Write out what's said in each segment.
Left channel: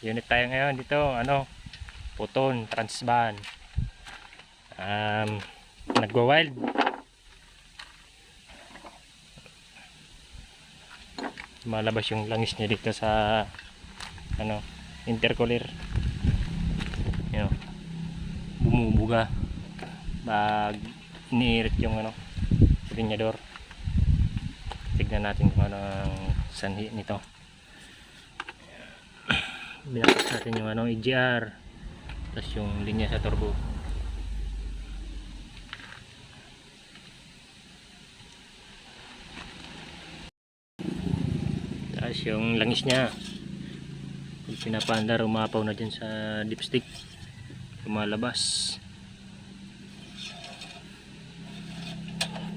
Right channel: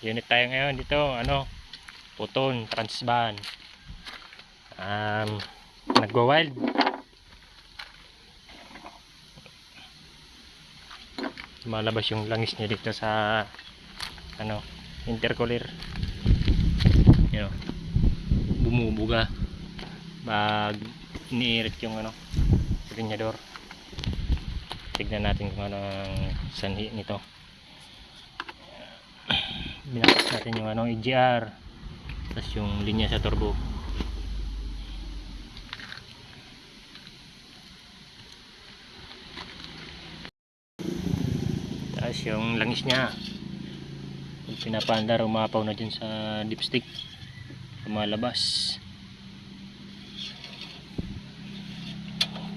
unit tayo ngayon dito ano puton transban um, nagwa wild malabas yung langis niya dito sa ano intercooler. Yun. Know, bumubuga. Pag niirit yung ano silinyador tignan natin kung ano ang sanhi nito binakit natin yung ano EGR tapos yung linya sa turbo. Tapos yung langis niya. Pag pinapandar umapaw na dyan sa dipstick. Lumalabas.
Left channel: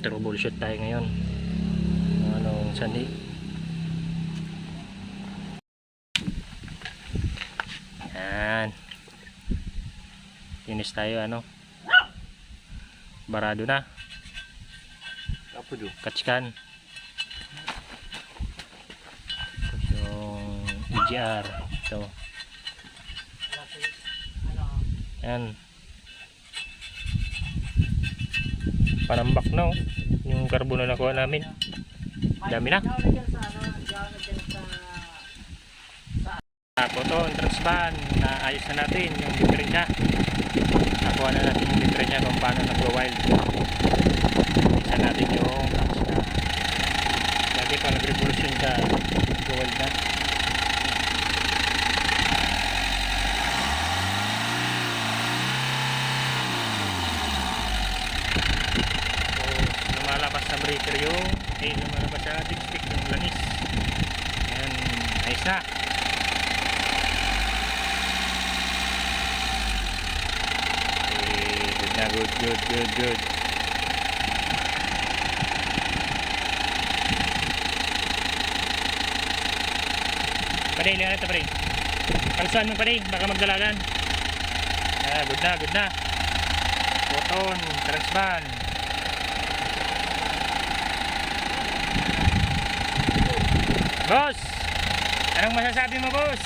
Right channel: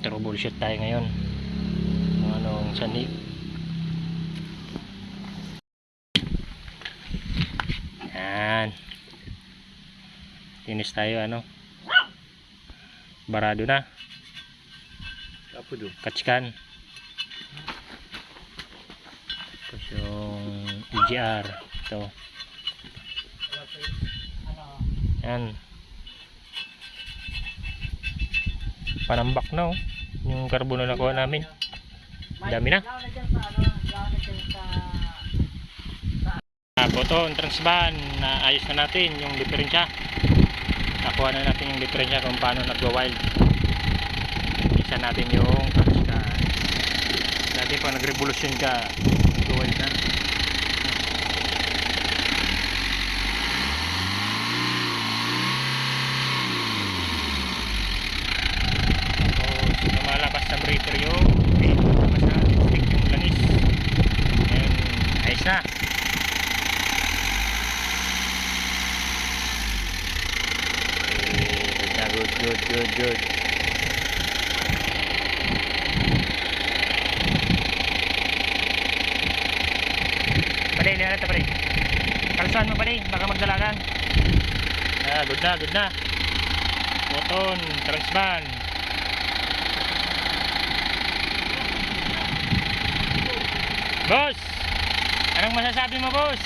Troubleshoot tayo ngayon. Anong sani yan tinis tayo ano? Barado na. Apa tu? katskan. Tapos yung EGR ito. Yan panambak na oh yung carbon na nakuha namin. Dami na ako to ang transban na ayos na natin yung diferensya. Nakuha na natin yung diferensya kung paano nagwa-wild. Isa natin yung touchdown lagi pag nag-revolution ka nagwa-wild na tapos lumalabas na breaker yung okay, lumalabas na lipstick yung langis ayos na good, good, good, good. Paday, lihat na paday. Kalsuan mo paday, baka magdalagan. Ah, good na, good na. Cotton, transban. Boss! Anong masasabi mo, boss?